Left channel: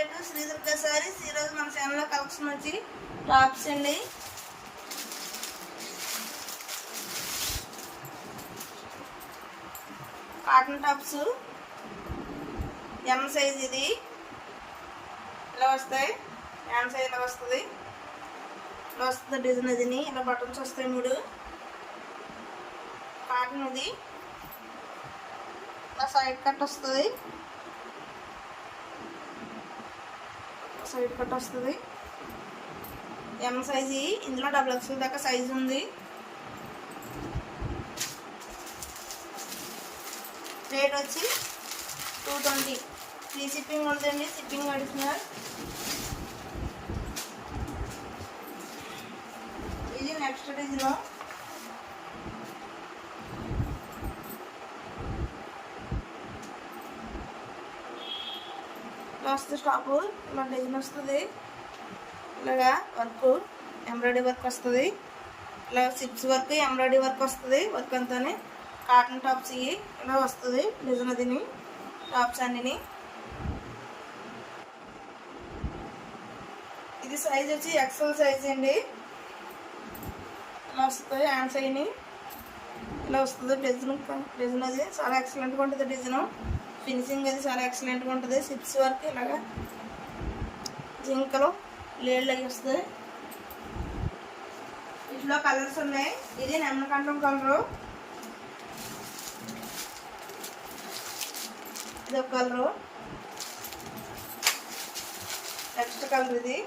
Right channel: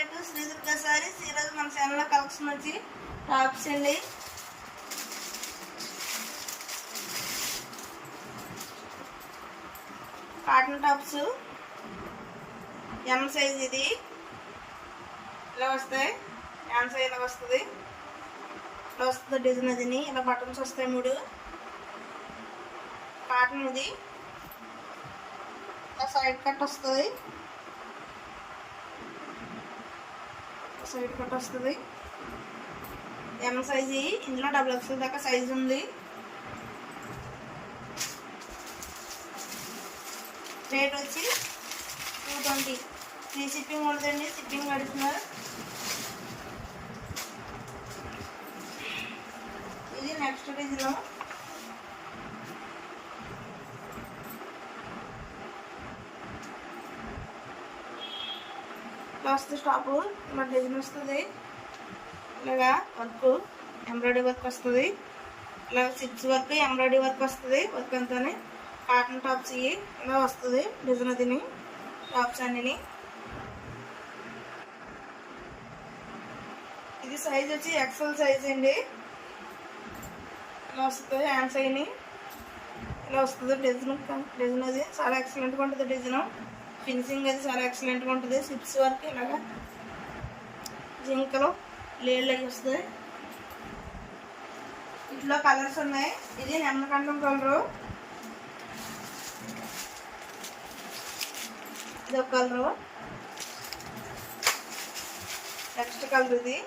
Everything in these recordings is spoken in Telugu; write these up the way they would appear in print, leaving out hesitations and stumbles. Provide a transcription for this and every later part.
Back to Shri Durga sarees. ఈరోజు మన ఛానల్లో కలెక్షన్ వచ్చి టాప్స్ అండి. Cotton tops M size. ఇది ఇలా వస్తాయి. ఎం సైజ్ ఇలా వస్తుంది. ఇలా వస్తుంది డిజైన్. అది ఇలా బటన్స్ వస్తాయి 3. కాటన్ ఇది. ఇలా సైడ్ కట్ వస్తుంది. సైడ్ కట్ వస్తుంది. M size. ఇందులో XXL దాకా సైజు ఉంది. రేట్ వచ్చి 220. ఫ్రీ షిప్పింగ్ ఉంటుందండి. షిప్పింగ్ అడుగుతున్నారు. ఇది నెక్స్ట్ డిజైన్. ఇలా వస్తుంది టాప్. ఇలా డిజైన్ వస్తుంది. ఇలాగా వర్క్ ఎంబ్రాయిడరీ వర్క్ వస్తుంది. ఇలా సిప్స్ వర్క్ ఎంబ్రాయిడరీ వర్క్ వస్తుంది. వర్క్ అంతానే కాటన్ టాప్స్ ఇలా వస్తుంది డిజైన్. అదిని టాప్స్ అన్నిని. ఇది సైజ్ వచ్చి XL సైజ్ అండి. ఇలా వస్తుంది. హ్యాండ్స్ అయిని ఇలా వస్తుంది డిజైన్ అది చాలా ఎక్సలెంట్గా ఉంటుంది. డిజైన్ ఫినిషింగ్ అది చాలా ఎక్సలెంట్గా ఉంటుంది. సిప్స్ వర్క్ ఇలాగా జింకలు లేళ్ళు అవి వస్తుంది. వీటిలో కలర్స్ ఉన్నాయి. ఇది నెమ్మకంఠం కలరు. ఇది ఒక కలరు. నెక్స్ట్ కలర్ ఇది.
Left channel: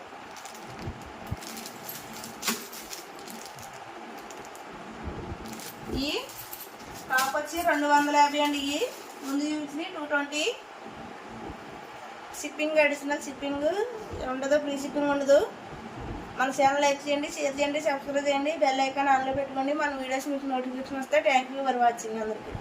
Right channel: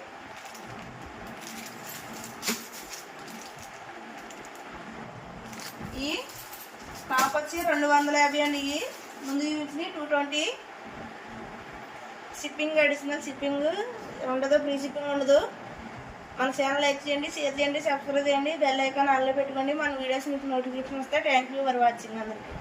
ఈ టాప్ వచ్చి 250 అండి. ఈ ముందు చూసి 220. షిప్పింగ్ అడిషనల్ షిప్పింగ్ ఉండదు. ఫ్రీ షిప్పింగ్ ఉండదు. మన ఛానల్ లైక్ చేయండి, షేర్ చేయండి, సబ్స్క్రైబ్ చేయండి, బెల్ ఐకాన్ ఆన్లో పెట్టుకోండి. మన వీడియోస్ నుంచి నోటిఫికేషన్ వస్తాయి. థ్యాంక్ యూ ఫర్ వాచింగ్ అందరికీ.